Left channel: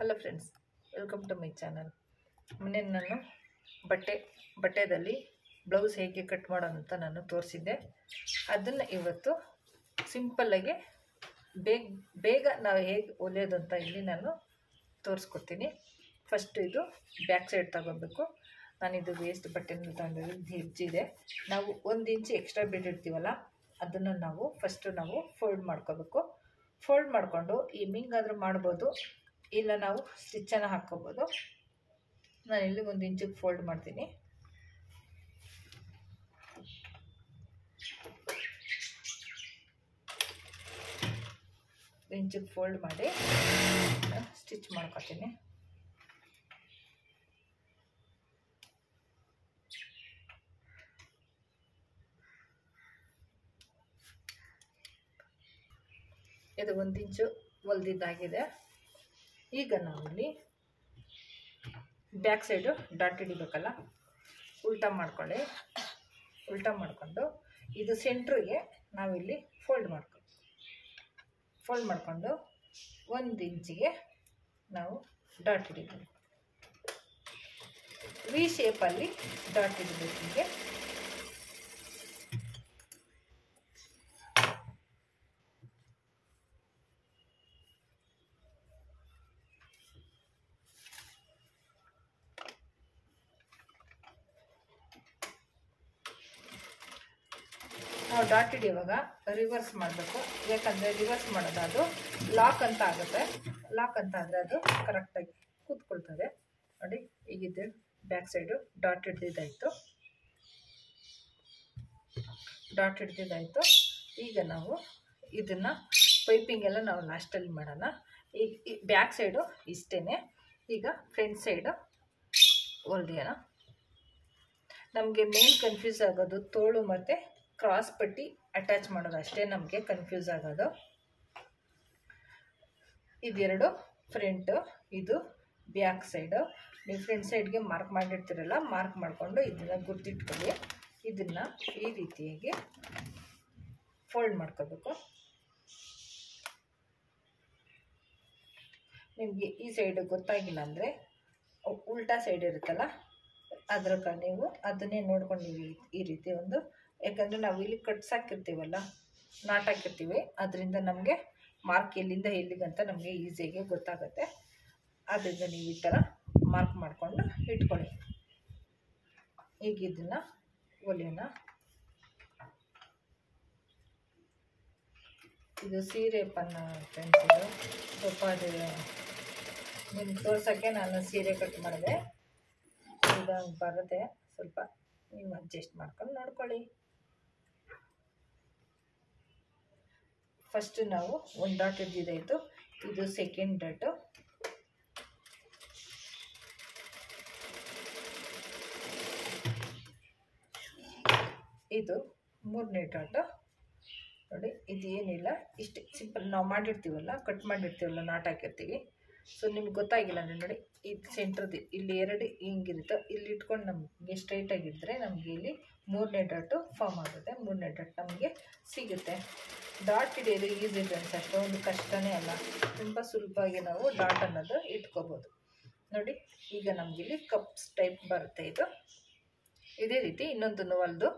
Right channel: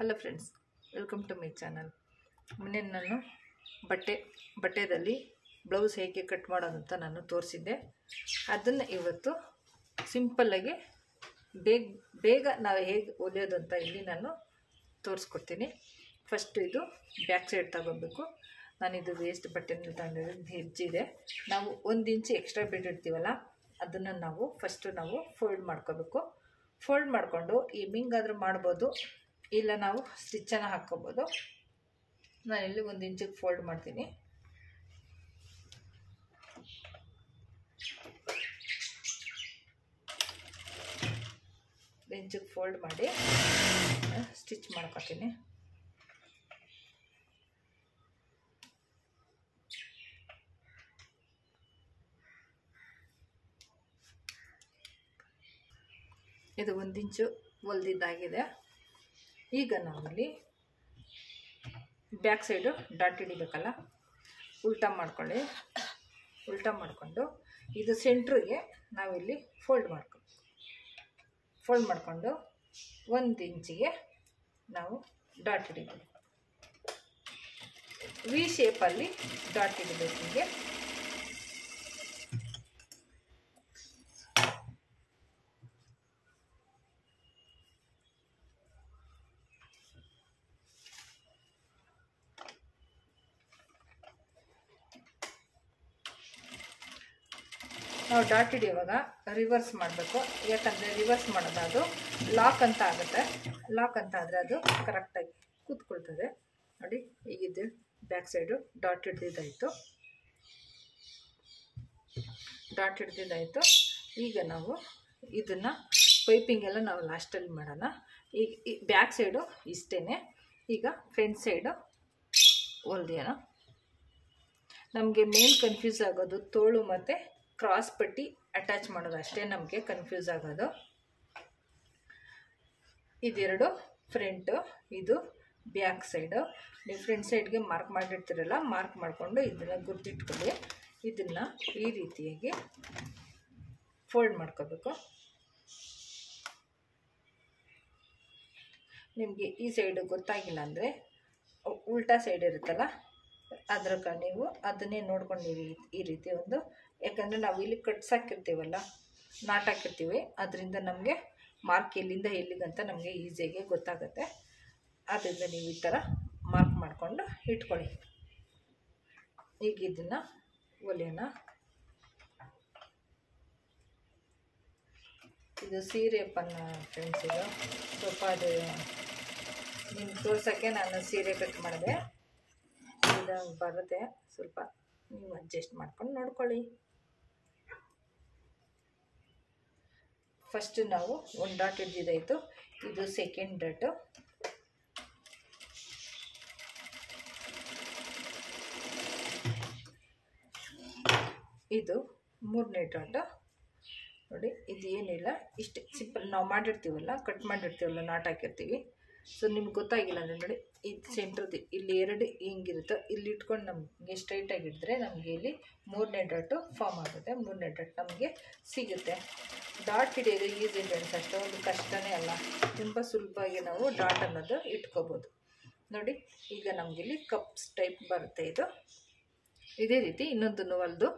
Hello friends, welcome to my channel. ಮೊನ್ನೆ ನಾನು ಬಟ್ಟೆದಲ್ಲಿ blouse ಹೇಗೆ ಕಟ್ ಮಾಡೋದಂತ ನಾನು ತೋರಿಸಿದ್ದೆ. ಅದನ್ನು ಇವತ್ತು ಸಿಂಪಲ್ಲಾಗಿ ಬೇಗ ನಾವು ಹೇಗೆ ಹೊಲಿಯೋದು ಅಂತ ಇಲ್ಲಿ ನಾನು ತೋರಿಸ್ಕೊಡ್ತೀನಿ. ಫಸ್ಟು ಇದು ಬ್ಯಾಕ್ ಸೈಡ್ ತಗೋಬೇಕು. ನಾನಿದು ವೇಸ್ಟ್ ಬಟ್ಟೆನಲ್ಲಿ ತಗೊಂಡಿರೋದು ಹೆಜ್ಜಿದೆ. ನಾವು 1 ಇಂಚ್ ಎಕ್ಸ್ಟ್ರಾ ಬಿಟ್ಟಿರ್ತೀವಲ್ಲ, ಅದನ್ನು ನಾವು ಫೋಲ್ಡ್ ಮಾಡ್ಕೋಬೇಕು. ಫೋಲ್ಡ್ ಮಾಡಿಕೊಂಡು ಹಿಂಗಾದರೂ ಮಾಡ್ಬೋದು, ಇಲ್ಲ ನಾವು ಸ್ಟಿಚ್ಚನ್ನು ಹಾಕ್ಕೋಬೋದು. ನಾನಿಲ್ಲಿ 1 ಇಂಚಿಗೆ ಫೋಲ್ಡ್ ಮಾಡ್ತೀನಿ. ಇಂಚಿಗೆ ಫೋಲ್ಡ್ ಮಾಡಿ ಸ್ಟಿಚ್ ಮಾಡ್ಕೊತೀನಿ. ಇದು 1 ಇಂಚು ಹೊಲ್ದಿದ್ದಾಗಿದೆ. ಈಗ ನಾವಿಲ್ಲಿ ಬ್ಯಾಕ್ ಸೈಡು ಡಾಟ್ ಹಿಡಿಬೇಕಲ್ಲ, ಉಲ್ಟಾ ಮಾಡಿಕೊಂಡು ಇದು ಸೆಂಟ್ರಿಗೆ ನಾವಿಲ್ಲಿ ಫೋಲ್ಡ್ ಮಾಡಿಕೊಂಡು 1 ಇಂಚಿಗೆ ನಾವು ಡಾಟ್ ಹಿಡಿಬೇಕು. ವಿ ಶೇಪಲ್ಲಿ ಡಾಟ್ ಹಿಡಿಬೇಕು. ಹೀಗೆ ನಾವು ಡಾಟ್ ಹಿಡಿಯುವಾಗ ರಿವರ್ಸ್ ಮಾಡಬೇಕು. ಯಾಕಂದರೆ ರಿವರ್ಸ್ ಮಾಡೋದು ಅದು ಲಾಕ್ ಅಂತ ಆಗುತ್ತೆ. ಲಾಕ್ ಅಂತ ಆದರೆ ಅದು ಕರೆಕ್ಟಾಗಿ ಕೂತ್ಕೊಳ್ತದೆ. ನೋಡಿ, ಈಗಿದ್ದು ಬ್ಯಾಕ್ ಸೈಡು ಡಾಟ್ ಹಿಡ್ದಿದ್ದಾಯಿತು. ಈಗ ನಾವು ಇದನ್ನು ಪೈಪಿಂಗ್ ಎಲ್ಲ ನಾವು ಲಾಸ್ಟಲ್ಲಿ ಮಾಡೋಣ. ಈಗ ಬ್ಯಾಕ್ ಸೈಡು ಇಷ್ಟೇ. ಈಗ ಫ್ರಂಟ್ ಸೈಡು ಹೊಲ್ದೇನ. ನಮಗೆ ಮೇನ್ ಕನ್ಫ್ಯೂಸ್ ಆಗೋದು ತೋಳು ಮತ್ತು ಕ್ರಾಸ್ ಪಟ್ಟಿ ಅಟ್ಯಾಚ್ ಮಾಡೋದು, ಅಷ್ಟೇ ನಮಗೆ ಕನ್ಫ್ಯೂಸ್ ಆಗೋದು. ಇದೆರಡು ಫ್ರಂಟು, ಇದು ಬ್ಯಾಕ್ ಸೈಡು. ನೀವು ಫ್ರಂಟ್ ಸೈಡ್ಗೆ ಮಾರ್ಕ್ ಮಾಡಿರ್ತೀರಲ್ಲ, ಮಾರ್ಕ್ ಮಾಡಿಕೊಂಡು ಇದನ್ನು ಗುರ್ತಿಟ್ಕೊಳ್ಳಿ. ಇದನ್ನು ಈ ರೀತಿಯಾಗಿ ಫೋಲ್ಡ್ ಮಾಡ್ಕೋಬೇಕು. ನಿಮಗೆ ಈ ಸೈಡು ಗೊತ್ತಾಗಿಲ್ಲ ಅಂದರೆ ಉಲ್ಟಾ ಸೈಡ್ ಇರುತ್ತಲ್ಲ, ಅದ್ರ ನೀವು ಅದನ್ನೇ ನೋಡ್ಕೊಂಡು ಈ ರೀತಿ ಒಂದು, ಯಾಕಂದರೆ ನಾವು ಇಲ್ಲಿ ಕಟ್ಸಾಕಿರ್ತೀವಲ್ಲ, ನಾಟಾಕಿರ್ತೀವಿ, ಅದರಿಂದ ನಮಗೆ ಮಾರ್ಕ್ ಎಲ್ಲಿಂದ ಎಲ್ಲಿಗಂತ ನಮಗೆ ಈಸಿಯಾಗಿ ಗೊತ್ತಾಗುತ್ತೆ. ಅದರಿಂದ ನೀವು ಈ ಥರ ಮಾರ್ಕ್ ಮಾಡಿಕೊಂಡು ಇಟ್ಕೊಳ್ಳಿ. ಈಗ ಇದನ್ನು ಹೊಲಿಯೋಣ. ಇದು ಸೀರೆ ಫ್ರೆಂಡ್ಸ್. ಇದು ಸ್ವಲ್ಪ ಅದು ನಿಮ್ಗೆ ತೋರ್ಸೋಕ್ಕೆ ನಾನು ಸೀರೆ ಕಟ್ ಮಾಡಿದೆ. ಇದು ಬರುತ್ತೆ, ಸ್ವಲ್ಪ ನೀವು ಅಡ್ಜಸ್ಟ್ ಮಾಡ್ಕೊಂಡು ನೋಡ್ಕೊಳ್ಳಿ. ಫಸ್ಟು ನಾವು 1 ಡಾಟ್ ಹಿಡ್ದಿದ್ದಾಯಿತು. ಇದು ಸೆಕೆಂಡ್ ಡಾಟು. ಇದು 3ನೇ ಡಾಟು. ನೋಡಿ, ಇದು ಏನಿಲ್ಲ, ಇಷ್ಟು ಸಿಂಪಲ್ ನಾವು ಮಾಡಿರ್ತೀವಲ್ಲ, ಕಟ್ ಮಾಡಿರ್ತೀವಲ್ಲ, ನಾಟ್ ಹಾಕಿರ್ತೀವಿ. ಸೊ ನಿಮ್ಗೆ ಗೊತ್ತಾಗಿಲ್ಲ ಅಂದರೆ ನೋಡಿ, ಇದು ಸೆಂಟ್ರದ್ದು ಇಲ್ಲಿ 2 ಹಿಂಗಿರುತ್ತೆ. ಇಲ್ಲಿ ಇಟ್ಕೊಂಡು ನಮಗೆ ಸ್ಟ್ರೈಟಾಗಿದ್ದರೆ ನಮಗೆ ಇಲ್ಲಿ 3ನೇ ಡಾಟು ಫಾರ್ಮ್ ಆಗುತ್ತೆ. 3ನೇ ಡಾಟ್ ನಮಗೆ ಸಿಗುತ್ತೆ. ಡಾಟ್ ಹಿಡಿಯೋದು ಈಸಿ ಫ್ರೆಂಡ್ಸ್, ಅಷ್ಟೊಂದು ಕಷ್ಟನೇ ಅಲ್ಲ. ತುಂಬ ಸುಲಭವಾಗಿ ನಾವು ಡಾಟ್ ಅನ್ನೋದು ಇಟ್ಕೋಬೋದು. ನೋಡಿ, ಈಗ ನಮಗಿಲ್ಲಿ ಕಪ್ಸ್ ಟೈಪ್ ಬರುತ್ತೆ. ಇದು ಇದೇ ರೀತಿ ಇನ್ನೊಂದನ್ನು ಹೊಲಿದು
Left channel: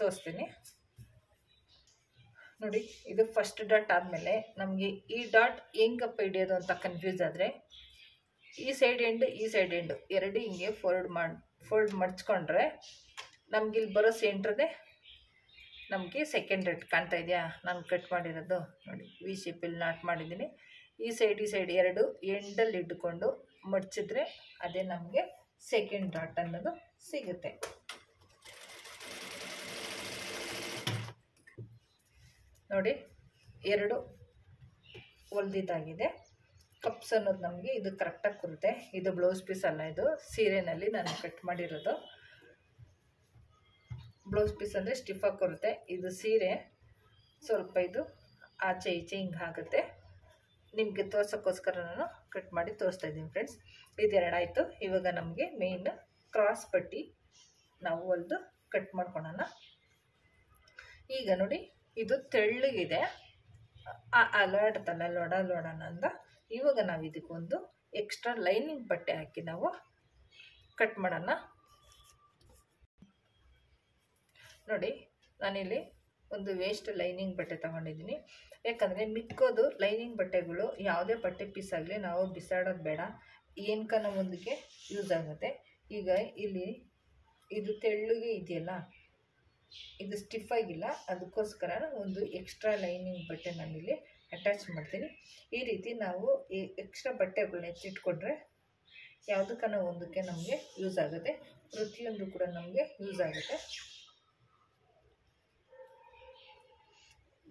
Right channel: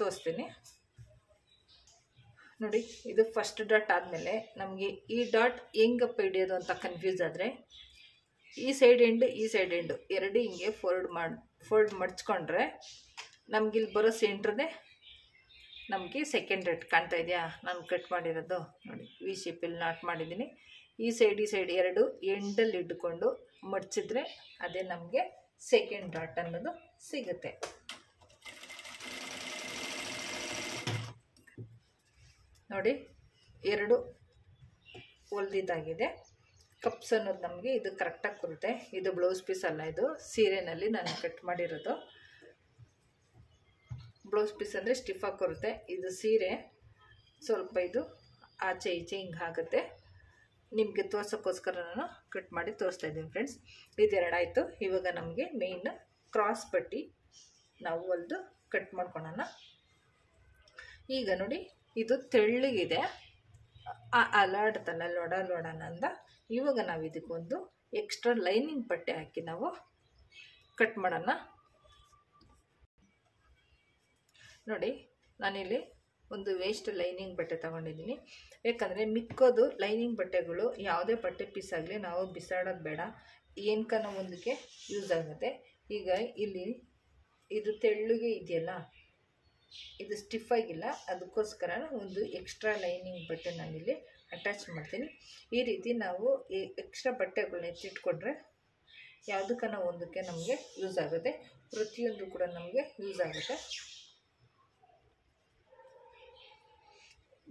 ತೋರಿಸ್ತೀನಿ. ನೋಡಿ, ಇದು ಫಸ್ಟ್ ಡಾಟ್ ಆದಮೇಲೆ ನಮಗೆ ಈ ಡಾಟ್ ಹೆಂಗಪ್ಪ ಹಿಡಿಯೋದು ಅಂತ ಕನ್ಫ್ಯೂಸ್ ಆದರೆ, ಈ ಸೈಡ್ ಎಂಡು ಎರಡು ಹಿಂಗೆ ಫೋಲ್ಡ್ ಮಡ್ಚ್ಕೊಂಡ್ರೆ ನಮಗಿಲ್ಲಿ ಬರೋ ಸೆಂಟ್ರದೇ ನಮಗೆ ಸೆಕೆಂಡ್ ಡಾಟ್ ಕಾಣ್ತಾ ಇದೆಯಾ. ನಾನು ಕಟ್ ಮಾಡಿರೋದು ನೋಡಿ, ವಿ ಶೇಪಲ್ಲಿ ನಾಟ್ ಮಾಡಿದ್ದೀನಿ. ಈ ಸೈಡ್ ಎರಡು ಎಂಡಲ್ಲಿ ಇಟ್ಕೊಂಡು ಮಡ್ಚಿದ್ರೆ ಅದೇ ನಮಗೆ ಸೆಕೆಂಡ್ ಡಾಟ್ ಅನ್ನೋದು ಸಿಗುತ್ತೆ. ನೋಡಿ, 2 ಹೊಲ್ದಿದ್ದಾಗಿದೆ. ಕಪ್ಸ್ ಅನ್ನೋದು ನಮಗೆ ಇದು ಕರೆಕ್ಟಾಗಿ ಕೊರುತ್ತೆ. ಇದು ಬ್ಲೌಸ್ ಪೀಸ್ ಅಲ್ಲ, ಇದು ಸೀರೆನಲ್ಲಿ ನಾನು ಕಟ್ ಮಾಡಿರೋದು. ಬ್ಲೌಸ್ ಪೀಸ್ ಅಂದರೆ ಸ್ಟಿಫಾಗಿ ಕೊರುತ್ತೆ. ಇದು ಸೀರೆ ಸ್ವಲ್ಪ ಇದು ಆಚೆ ಈಚೆ ಹಿಂಗೆ ಆಗುತ್ತೆ. ನಿಮಗೆ ತೋರ್ಸೋಕ್ಕೋಸ್ಕರ ನಾನು ಕಟ್ ಮಾಡಿ ತೋರಿಸ್ತಾ ಇದ್ದೀನಿ ಫ್ರೆಂಡ್ಸ್. ಇದೆರಡು ಆಯಿತು. ಇವಾಗ ನಮಗೆ ಮೇನ್ ಕ್ರಾಸ್ ಪಟ್ಟಿ ನಾವು ಹೊಲಿದು ಕಟ್ ಮಾಡ್ಕೊಳ್ಳೋಣ. ಈಗ ನೋಡಿ, ಇದು ತೆಳ್ಳಗಿದೆ, ಅಲಾಡ್ತಲ್ಲ ಲೊಡನ ಅಂದ ಇವಾಗ ನಾವು ಇದಕ್ಕೊಂದು ಎಕ್ಸ್ಟ್ರಾ ಲೈನಿಂಗ್ ಬಟ್ಟೆ ಹಾಕಿ ನಾವು ಕಟ್ ಮಾಡೋಣ. ನೋಡಿ, ನಾನಿಲ್ಲಿ ಒಂದು ವೇಸ್ಟ್ ಲೈನಿಂಗ್ ಬಟ್ಟೆ ತಗೊಂಡಿದ್ದೀನಿ. ಯಾಕಂದರೆ ಮಿಕ್ಕೋದು ಲೈನಿಂಗ್ ಬಟ್ಟೆಗಳು ಯಾವುದೇ ಬಟ್ಟೆ ಪೀಸ್ ಆಗಲಿ ನಾವು ಬಿಸಾಡೋದು ಬೇಡ, ಏನಕ್ಕನ ಒಂದಕ್ಕೆ ಯೂಸ್ ಆಗುತ್ತೆ. ಈಗ ಇಲ್ಲಿ ಇದು ತೆಳ್ಳಗೆ ಇದೆಯಲ್ಲ, ಇದು ಸ್ಟಿಫ್ ಆಗಿಲ್ಲ, ಅದಕ್ಕೋಸ್ಕರ ಒಂದು ಎಕ್ಸ್ಟ್ರಾ ಲೈನಿಂಗ್ ಬಟ್ಟೆ ನಾನಿಲ್ಲಿ ಅಟ್ಯಾಚ್ ಮಾಡ್ತೀನಿ. ಈ ರೀತಿ ನಾವು ಈ ಎಕ್ಸ್ಟ್ರಾ ಬಟ್ಟೆಗಳನ್ನ ಎತ್ತಿಟ್ಕೊಂಡ್ರೆ ಯಾವುದಕ್ಕನ ಒಂದಕ್ಕೆ ನಮಗೆ ಯೂಸ್ ಆಗುತ್ತೆ, ಪ್ರತಿಯೊಂದು ಕೂಡ ನಮಗೆ ಯೂಸ್ ಆಗುತ್ತೆ.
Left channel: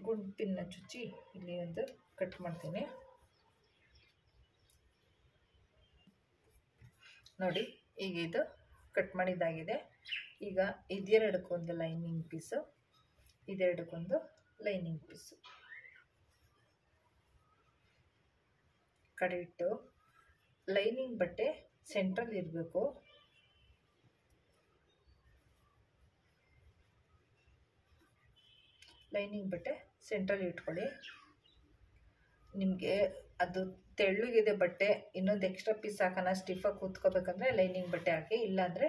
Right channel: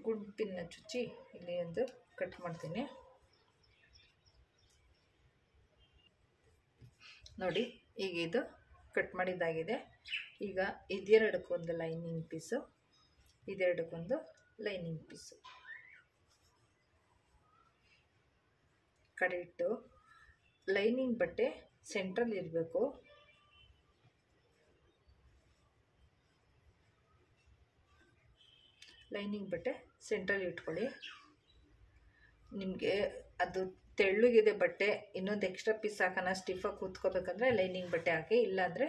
ಗುಂಪಿನ ಚುಚ್ಚಿ ಇಲ್ಲಿ ಒಂದು ಕಟ್ ಮಾಡ್ತೀನಿ. ನೋಡಿ, ಈಗ ಇದು ಕಟ್ ಮಾಡಿದ್ದಾಗಿದೆ. ಈಗ ಇದೆರಡಕ್ಕೊಂದು ಲೈನಿಂಗ್ ಪೀಸು, ಇದೆರಡಕ್ಕೊಂದು ಲೈನಿಂಗ್ ಪೀಸು ಕಡೆ ಇಟ್ಟು, ಲೈನಿಂಗ್ ಬಟ್ಟೆ ಸೆಂಟ್ರಲ್ಲಿ ಇರಬೇಕು. ಲೈನಿಂಗ್ ಬಟ್ಟೆ ಸೆಂಟ್ರಲ್ಲಿ ಇಟ್ಕೊಳ್ಳಿ. ನಿಮಗೆ ಅದು ತೆಳ್ಳಗಿದೆ ಬಟ್ಟೆ, ಇನ್ನೊಂದು ಎಕ್ಸ್ಟ್ರಾ ಪೀಸ್ ಹಾಕೋಣ, ಸ್ಟಿಫಾಗಿ ಕೂತ್ಕೋಬೇಕಂದ್ರೆ ಲೈನಿಂಗ್ ಬಟ್ಟೆ ಹಾಕಿ, ಇಲ್ಲಾಂದರೆ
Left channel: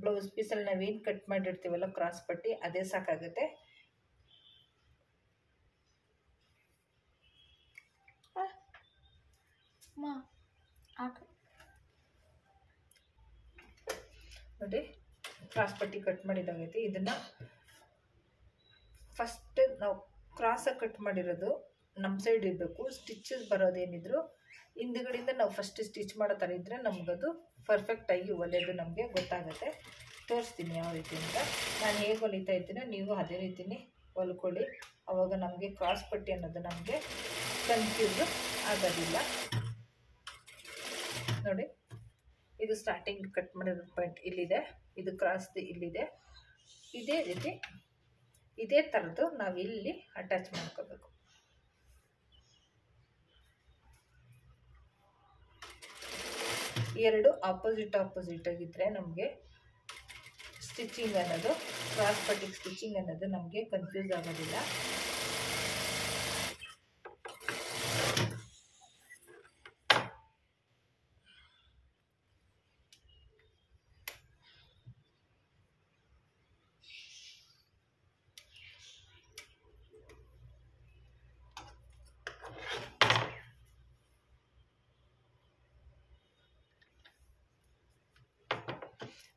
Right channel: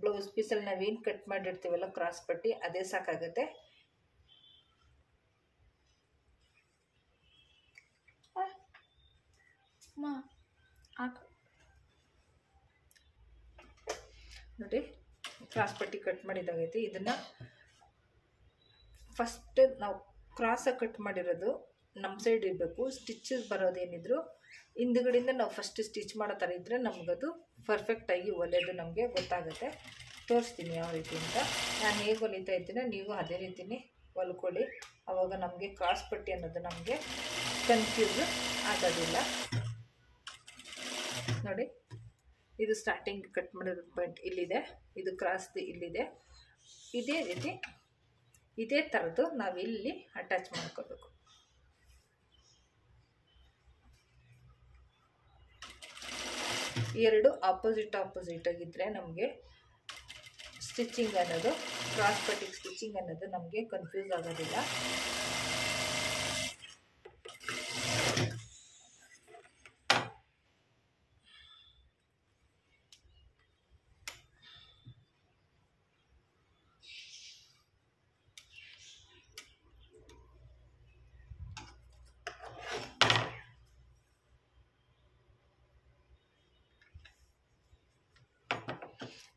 ಬ್ಲೌಸ್ ಪೀಸಲ್ಲಿ ನಾವೇನು ಕಟ್ ಮಾಡಿರ್ತೀವಲ್ಲ ಕ್ರಾಸ್ ಪಟ್ಟಿ, ಅದೇ ಸಾಕಾಗುತ್ತೆ. ನೋಡಿ, ಕ್ರಾಸ್ ಪಟ್ಟಿ ಕಟ್ ಮಾಡಿದಾಗೈತಿ. ಇದನ್ನು ಫಸ್ಟ್ ನಾವು ಕ್ರಾಸಾಗಿ ಕಟ್ ಮಾಡಿರೋದು ನಮ್ಮ ಸೈಡ್ ಇರಬೇಕು. ಸ್ಟಿಚಸ್ ಬರೋದೇನಿದ್ರು ಹಿಂದುಗಡೆಯಿಂದ ನಾವು ಫಸ್ಟ್ ಸ್ಟಿಚ್ ಮಾಡೋ ಥರ ಇದ್ದರೆ ನಮಗದು ಪರ್ಫೆಕ್ಟಾಗಿ ಹೊಲಿಯೋದು ನಮಗೆ ಗೊತ್ತಾಗುತ್ತೆ. ತೋರಿಸ್ತೀನಿ ಯಾವ ರೀತಿ ಅಂತ. ನಾನು ಹೇಗೆ ಹೊಲಿತಾ ಇದ್ದೀನೋ ನೀವು ಅದೇ ರೀತಿನೇ ಹೊಲ್ಕೊಳ್ಳಿ. ಆವಾಗ ನಮಗೆ ಕ್ರಾಸ್ ಪಟ್ಟಿ ಅನ್ನೋದು ನಮಗೆ ಕನ್ಫ್ಯೂಸ್ ಆಗೋದಿಲ್ಲ. ನೋಡಿ, ಇದು ಸ್ಟಾರ್ಟಿಂಗ್ ಕಟ್ ಮಾಡಿರೋ ಪಾಯಿಂಟ್ ಇಲ್ಲಿದೆ, ಇದು ಕ್ರಾಸ್ದು ಇಲ್ಲಿದೆ. ಇದೇ ರೀತಿ ಇದೇ ಥರದ್ದು ನಾವು ಇಲ್ಲಿ ಅಟ್ಯಾಚ್ ಮಾಡ್ಕೋಬೇಕು. ಎರಡು ಆಪೋಸಿಟ್ ಆಗಿದ್ದರೆ ನಮಗೆ ಸ್ಟಿಚಿಂಗ್ ಅನ್ನೋದು, ಕ್ರಾಸ್ ಪಟ್ಟಿಗೆ ಸ್ಟಿಚಿಂಗ್ ಅನ್ನೋದು ನಮಗೆ ಕನ್ಫ್ಯೂಸ್ ಆಗೋದಿಲ್ಲ.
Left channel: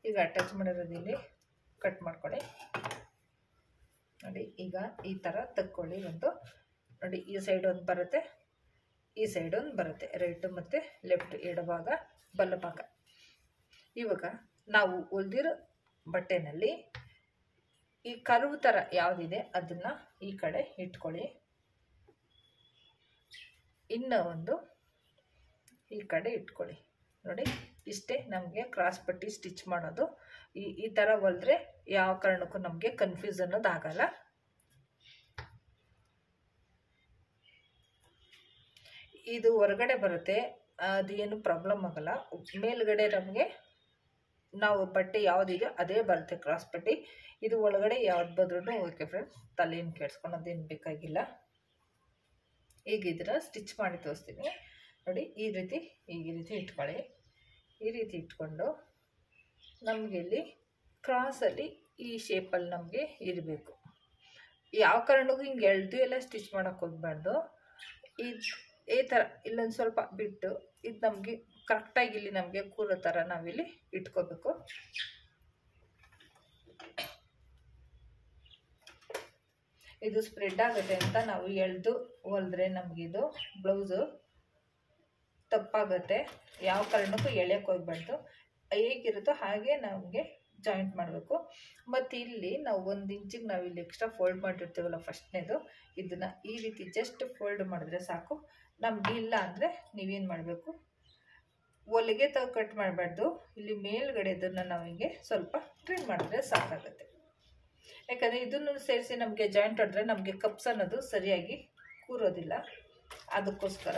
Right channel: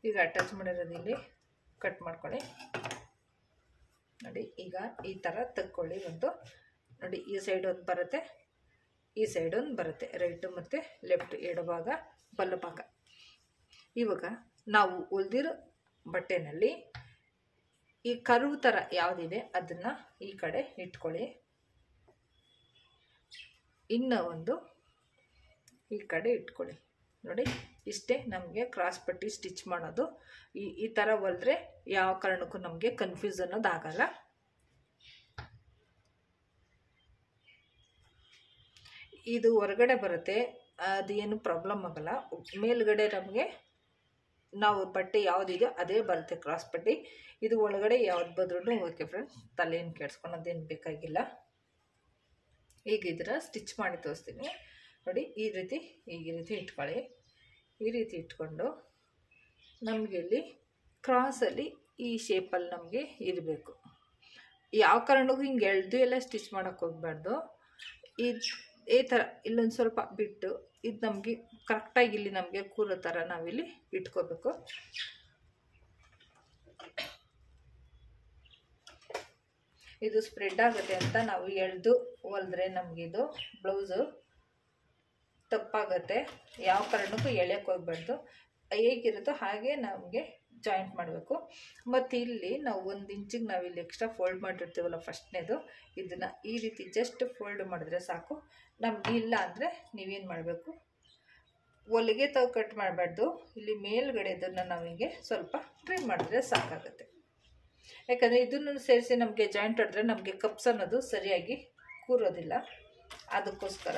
ಈಗ ಅಟ್ಯಾಚ್ ಮಾಡಿರೋದು ಇಲ್ಲಿ ಕಟ್ ಮಾಡ್ಕೊಳ್ಳಿ. ನೋಡಿ, ಈಗ ಈ ಥರ ತಕ್ಕೊಳ್ಳಿ. ಒಂದು ನೋಡಿ, ಈ ಸೈಡ್ ಒಂದು ಬರುತ್ತೆ, ಈ ಸೈಡ್ ಒಂದು ಬರುತ್ತೆ, ರೈಟ್ ಮತ್ತು ಲೆಫ್ಟ್ ಎಡಭಾಗ ಬಲಭಾಗ. ಇವಾಗ ನಾವು ಹೊಲ್ದಿರೋ ಬಟ್ಟೆನಲ್ಲಿ ಈ ಕರ್ವ್ ಥರ ಯಾವುದಿದೆ ಅದನ್ನು ಈ ಕಡೆ ಇಟ್ಕೊಳ್ಳಿ. ಇನ್ನೂ ಒಂದು ಈ ಕಡೆ ಇಟ್ಕೊಳ್ಳಿ. ನೋಡಿ, ಇಷ್ಟೇ ನಮಗೆ ಕ್ರಾಸ್ ಪಟ್ಟಿ ಸ್ಟಿಚ್ ಮಾಡೋದು. ಈ ಥರ ಹೊಲಿದ್ರೆ ಯಾವ ಕಾರಣಕ್ಕೂ ನಮಗೆ ಕನ್ಫ್ಯೂಸ್ ಅನ್ನೋದಾಗಲ್ಲ. ಇದು ಹೊರಗಡೆ ಬರುತ್ತೆ, ಅದು ಏನು ಪ್ರಾಬ್ಲಮ್ ಆಗಲ್ಲ. ಮೇಲ್ಗಡೆ ನಮಗೆ ನಾವು ಬಟ್ಟೆ ಯಾವುದಿದೆಯೋ ಅದೇ ಬರುತ್ತೆ ಕ್ರಾಸ್ ಪಟ್ಟಿ. ಇದು ಒಳಗಡೆ ಯಾವ್ದು ಬಂದ್ರೂ ಓಕೆ ಫ್ರೆಂಡ್ಸ್, ತಲೆಯನ್ನು ಕೆಡ್ಸ್ಕೊಳೋದೇನು ಬೇಕಾಗಿಲ್ಲ. ಈಗ ಇದರ ಸ್ಟಿಚ್ ಮಾಡಿ ತೋರಿಸ್ತೀನಿ. ನೋಡಿ, ಈ ರೀತಿ ಇಟ್ಕೊಳ್ಳಿ. ಈ ರೀತಿ ಇಟ್ಕೊಂಡು ನಮಗೆ ಇಲ್ಲಿ ಕ್ರಾಸಲ್ಲಿ ಈ ಶೇಪಲ್ಲಿ ನಮಗೆ ಇರಬೇಕು. ಯಾವ ಕಾರಣಕ್ಕೂ ಹಿಂಗೆ ಎಳೆದು ಎಲ್ಲ ಸ್ಟಿಚ್ ಮಾಡೋಕ್ಕೆ ಹೋಗಬಾರ್ದು. ಈ ಥರ ಇಲ್ಲೊಂದು ಸ್ವಲ್ಪ ಬಿಟ್ಟು ಇದು ನಮಗೆ ಕರೆಕ್ಟಾಗಿ ಇಲ್ಲಿ ನಮಗೆ ಕೂರೋ ಥರ ನಾವಿಲ್ಲಿ ಇಟ್ಕೋಬೇಕು. ಇದು ಸ್ಪ್ರೆಡ್ ಆಗುತ್ತೆ ಅಂತ ನಾವು ಎಳೆದು ಹೊಲಿದ್ರೆ ನಮಗಿದು ಬ್ಲೌಸು ತಪ್ಪಾಗುತ್ತೆ. ಯಾವ ಕಾರಣಕ್ಕೂ ಎಳೆಯೋಕ್ಕೆ ಹೋಗ್ಬಾರ್ದು, ಹೇಗಿರುತ್ತೋ ಹಾಗೆ ನಮಗೆ ಜಾಯಿಂಟ್ ಮಾಡಬೇಕು. ಮತ್ತು ಇಲ್ಲಿ ನಾವು 1 ಇಂಚಿಗೆ ನಾವಿಲ್ಲಿ ಎಕ್ಸ್ಟ್ರಾ ಫೋಲ್ಡ್ ಮಾಡಿರ್ತೀವಲ್ಲ ಫಸ್ಟ್ನೇದು, ಇದನ್ನು ಈ ರೀತಿ ಜಸ್ಟ್ ಫೋಲ್ಡ್ ಮಾಡಿದ್ರೆ ಸಾಕು. ನಮ್ಗೆ ಇಲ್ಲ ಅಂದರೆ ನೀವೇನು ಮಾಡಬೇಕು, ಹೊಲಿಗೆ ತಾವು ಕಟ್ ಮಾಡಬಾರ್ದು, ಇಲ್ಲಿ ಮೇಲ್ಗಡೆದನ್ನು ನಾವು ಹಿಂಗೆ ಸ್ವಲ್ಪ ಟ್ರಿಮ್ ಮಾಡಿದ್ರೆ ಸಾಕಾಗುತ್ತೆ. ಯಾಕಂದರೆ ಇದನ್ನು ಸೇರಿಸಿ ನಮಗೆ ಜಾಯಿಂಟ್ ಹೊಡೆದ್ರೆ ನಮಗೆ ಕಪ್ಸ್ ಅನ್ನೋದು ಸರಿಯಾಗಿ ಕೂರೋದಿಲ್ಲ. ಅದಕ್ಕೋಸ್ಕರ